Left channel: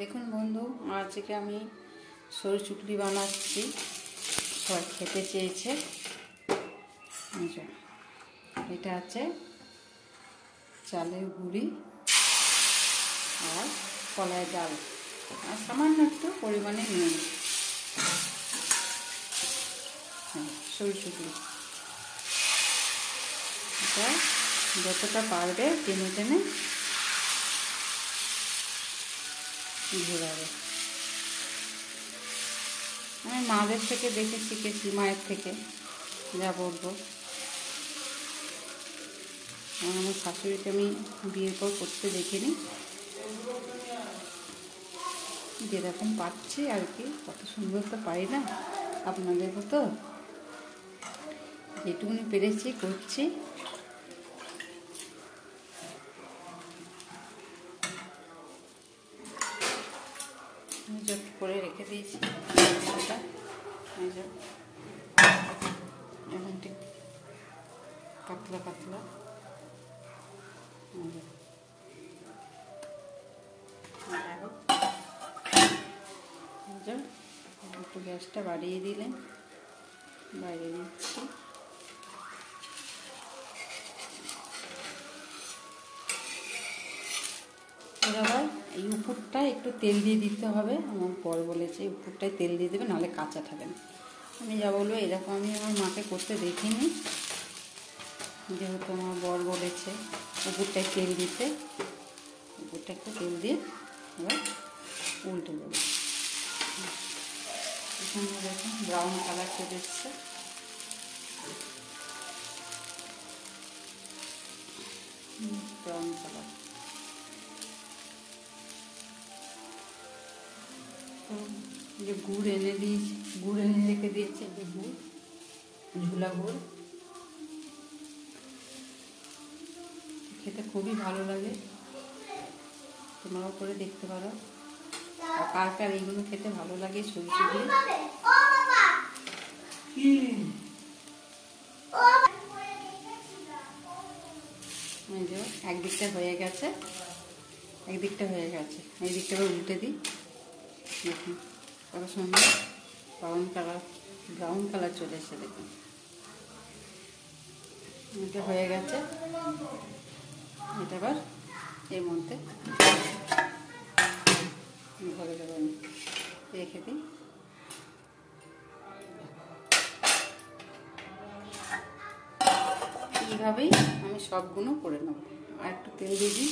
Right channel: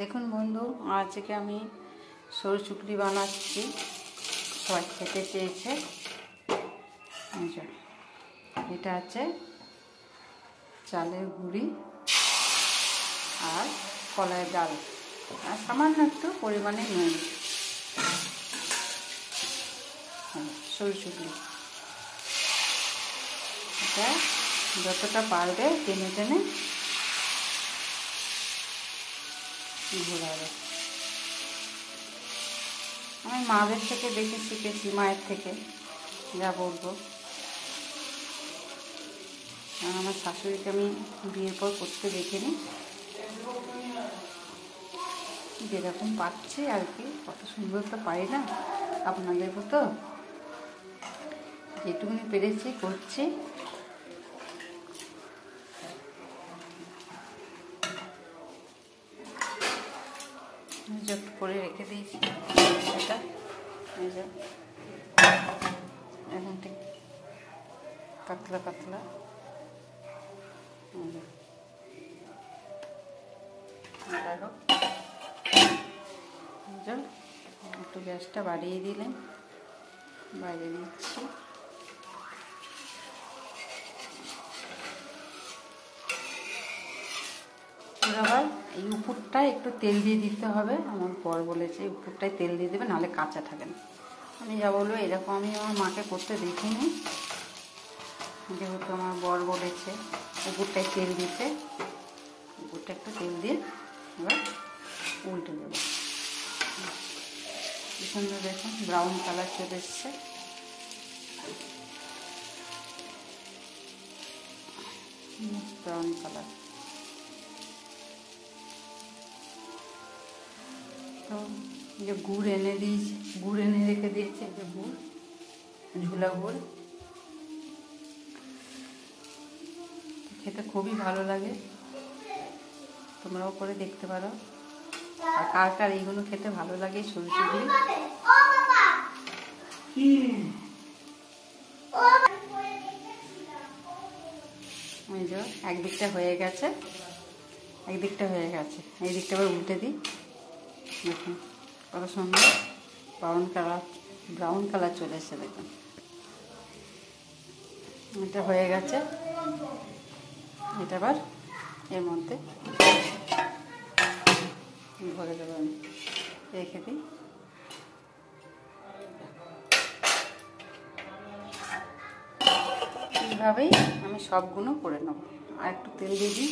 দেখুন বন্ধু, আজকে আমি সরু চুকলি বানাচ্ছি। সবাই খেতে চেয়েছে। এটা আছে চালের গুঁড়ি আর কলাই ডাল আর সামান্য একটু পরিমাণে নুন। সরু চুকলি এটা যতটা পারবে টেনে টেনে ঘোরাবে। আমি মাদের থেকে দেখে শিখেছি, মায়ের থেকে যা বলবো। আমার শাশুড়িকে আমি বিয়ের পর করতে দেখিনি, যেরকম পাচ্ছি আর কি। কত সুন্দর তো পারি না, আপনাদের মতো যেটুকুনি পেরেছি করছি। জট করে রেখে দিয়েছি এখন ঠিক পাতলা পাতলা। একটু গ্যাসটা বাড়িয়ে দিলেন, বাড়িয়ে দিচ্ছি। আবার এই উপরটায় একটু তেল দিয়ে দিতে হবে। আমার বর বলেছে উপরটায় তেল দিয়ে দেবে, নাহলে কাঁচা থাকে না। আমি যা বলবো এরকম আমি আমার মাকে করতে দেখিনি, যেহেতু আমার বর বলেছে উপরটায় তেল দিতে। উপরটা একটু তেল দিয়ে এবার উল্টে দেবো। এখানে দেখুন ব্রাউন কালার চলে এসছে। ব্রাউন কালার তো যে গুড় এনে দিয়েছি, গুড় এনে রেখে দিয়েছে, যে গুড়, ঝুলা গুড়, খেতে খুবই ভালো লাগে। তোমরাও করে দেখতে পারো। আর কার কার এইগুলো খেতে ভালো লাগে, সরু চুকলি। একদিকটা হয়ে গেছে, একদিকটা হয়ে গেছে, এই দিকটা আবার উল্টে দিই। দেখুন কত সুন্দর ব্রাউন কালার চলে এসছে। দেখুন এটা হয়ে গেছে। এটা আবার এর মধ্যে ভরে দেবো, আমি রেখে দিই। এইভাবেই আমি সবগুলো করে নেব। আর একটু তেল দিয়ে দিই।